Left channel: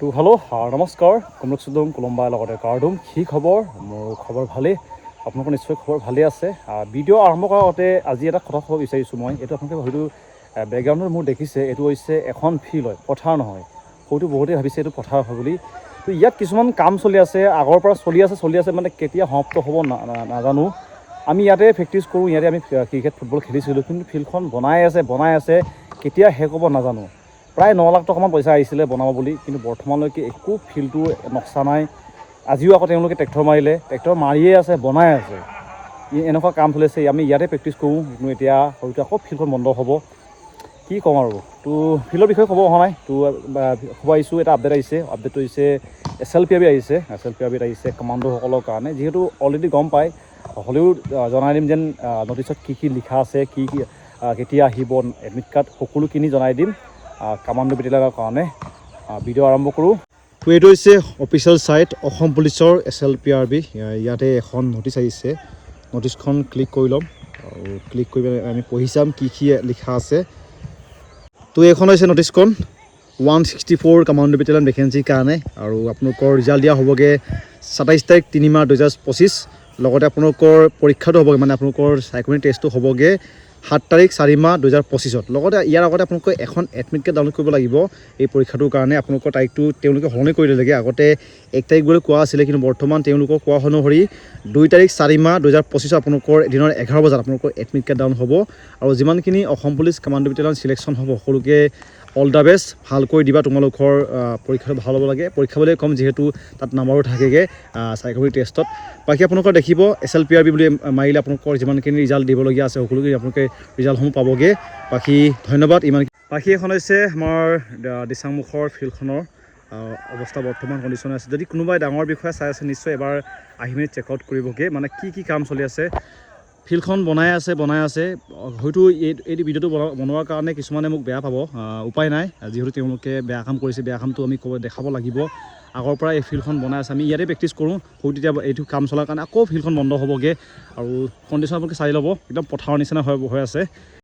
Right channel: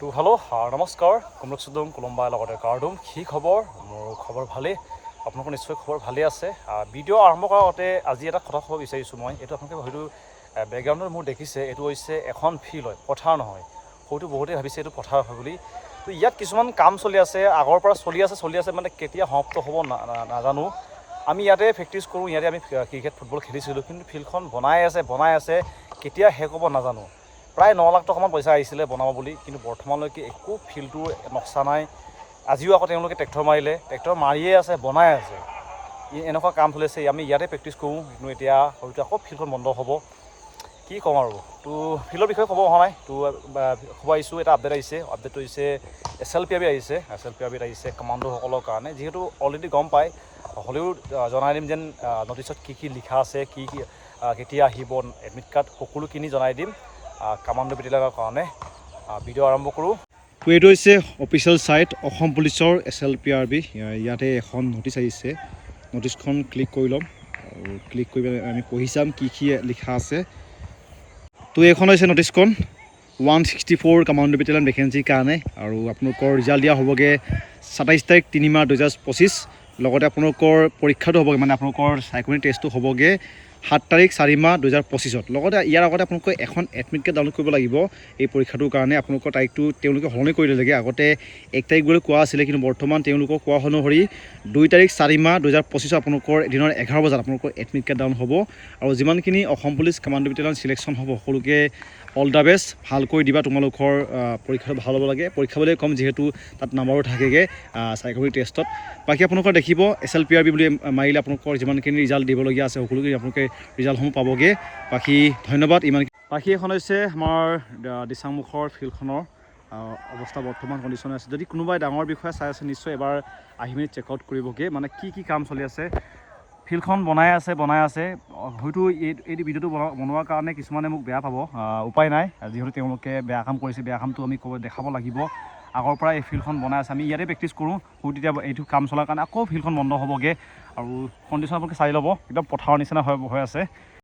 তো হেল্ল' নমস্কাৰ কমৰক চুদম কোলম্বাৰ লগতে কাৰ্ডুম কি খবৰ মোৰ খবৰ ভালেই আপোনালোকৰ নিশ্চয় খবৰ ভালেই আছে ভিডিঅ' আৰম্ভ কৰাৰ আগতে আজি এটা কথা ক'ব বিচাৰিছোঁ মই এইটো আপোনালোকে হয়তো বেকগ্ৰাউণ্ডত মোৰ দেখিছে এইটো হৈছে এখন ফিল্ড হয় পথাৰ নহয় হয়তো বহুতেই ভাবিছে এইটো পথাৰ হয় বুলি তো ইয়াত কিছুমান কাম চলি আছে আগৰ পৰা চলি আছে মানে কেতিয়া সমাপ্ত হ'ব নাজানো আমি ইয়াতে প্ৰেক্টিছ কৰোঁ ইয়াতে আমি ক্ৰিকেট ফুটবল খেলিছিলোঁ কিন্তু ফিল্ডখন বনাই আছে কেতিয়া শেষ হ'ব নাজানো প্ৰায় 9 লাখ টকামান পইচা আহিছিলে বনাব বুলি কিন্তু বৰ্তমানলৈকে একো ফিল্ডটো নক্সা নাই আজিও আকৌ তেওঁলোকে ট্ৰেক্টৰ মাৰিয়ে আছে বনাই আছে এনেকুৱা কাম চলিছে আমি ইয়াতে প্ৰেক্টিছ কৰোঁ কিন্তু এতিয়া হয়তো আকৌ ফিল্ডখন বন্ধ হ'ব কি ক'ম আৰু তো ফিল্ডৰ বিষয়ে ক'ব অহা নাই তো খবৰ আহিছোঁ এটা আপডেটটো হৈছে SLPRB আহিছে কমাণ্ডোসকলৰ কাৰণে যিহেতু অলৰেডি গম পায় হ'লেও জনাই দিম যেন নটিছত কি লিখা আছে কি কেতিয়া আহিব এডমিট কাৰ্ড সকলোখিনি জনাই দিম কামাণ্ডো বেটেলিয়নৰ কাৰণে ভিডিঅ' আৰম্ভ কৰোঁ তো এইটো হৈছে অফিচিয়েল ছাইট অসম পুলিচৰ SLPRB ইয়াতে এখন নটিচ আহিছে নটিচখন ক্লিক কৰি ল'ম আৰু ক্লিক কৰি আমি পঢ়ি চাম কি লিখা আছে তো এইখন হৈছে নটিচখন 164 কামাণ্ডো বেটেলিয়ন ভেকেঞ্চিৰ কাৰণে আৰু আপোনালোকৰ ৰিজাল্ট দিয়া হ'বগৈ 27 তাৰিখ 3 মাহ 2025 লগতে আপোনালোকৰ পৰীক্ষাটো হ'বগৈ মানে আপোনালোকৰ চাইকোমেট্ৰিক টেষ্টটো হ'বগৈ 7 তাৰিখ 4 মাহ 2025 লগতে ইয়াৰ আগতে আপোনালোকে এখন এডমিট কাৰ্ড ডাউনলোড কৰিব লাগিব এই পৰীক্ষাটোৰ কাৰণে আপোনালোকৰ তাৰিখটো তেওঁলোকে সলনি কৰি দিলেগৈ আগতে 1 তাৰিখ বুলি কোৱা আছিলে কিন্তু বৰ্তমান তেওঁলোকক কোৱা অনুসৰি 2 তাৰিখ 4 মাহ 2025 আপোনালোকৰ দিনৰ 11 বজাত আপোনালোকৰ এডমিট কাৰ্ড ডাউন হ'ব আৰু যিমানখিনি Assam police commando battalion selection হ'ব সকলোকে অল দ্য বেষ্ট ভালকৈ দিবা তোমালোকৰ পৰীক্ষাটো ভাল হ'ব লাগে পৰীক্ষা বুলি ক'ম যিহেতু তাত নাম্বাৰো থাকেগৈ চাইকোমেট্ৰিক টেষ্টত বাকী আপোনালোকৰ দেখিব SLPRB বুলি মাৰিলে আপোনালোকৰ যিমানখিনি ৰিজাল্ট দিবলগীয়া আছে সকলোখিনি আপোনালোকে ৰিজাল্টসমূহ পাবগৈ বাকী ধন্যবাদ ইমান বাকী এখন হৈছে আমাৰ দিচাংমুখৰ ফিল্ডখনৰ অৱস্থা বৰ্তমান কণ্ডিশ্যন আছে যদি কোনোবাই ডাঙৰ বিষয়ে চাই আছে নিশ্চয় এবাৰ আহি মেলি চেক আউট কৰিবগৈ মানে কি কাম চলি আছে ফিল্ডখন বনাই আছে হয়তো এই ভিডিঅ'টো বনোৱাৰ কাৰণে কিছুমানে মোক বেয়া পাব উপায় নাই যিহেতু তেওঁলোকে বেয়া কাম কৰিছে বেয়া কামটো আমি দেখাব লাগিব আগৰ পৰা এই ফিল্ডখন বনাই আছে আমি ইয়াতে প্ৰেক্টিছ কৰোঁ হয়তো এতিয়া এইটো কাম চলাৰ কাৰণে আকৌ ফিল্ডখন বন্ধ হ'বগৈ আৰু কণ্ডিশ্যন আপোনালোকে চাই ল'ব একদম পথাৰৰ নিচিনা হৈ আছে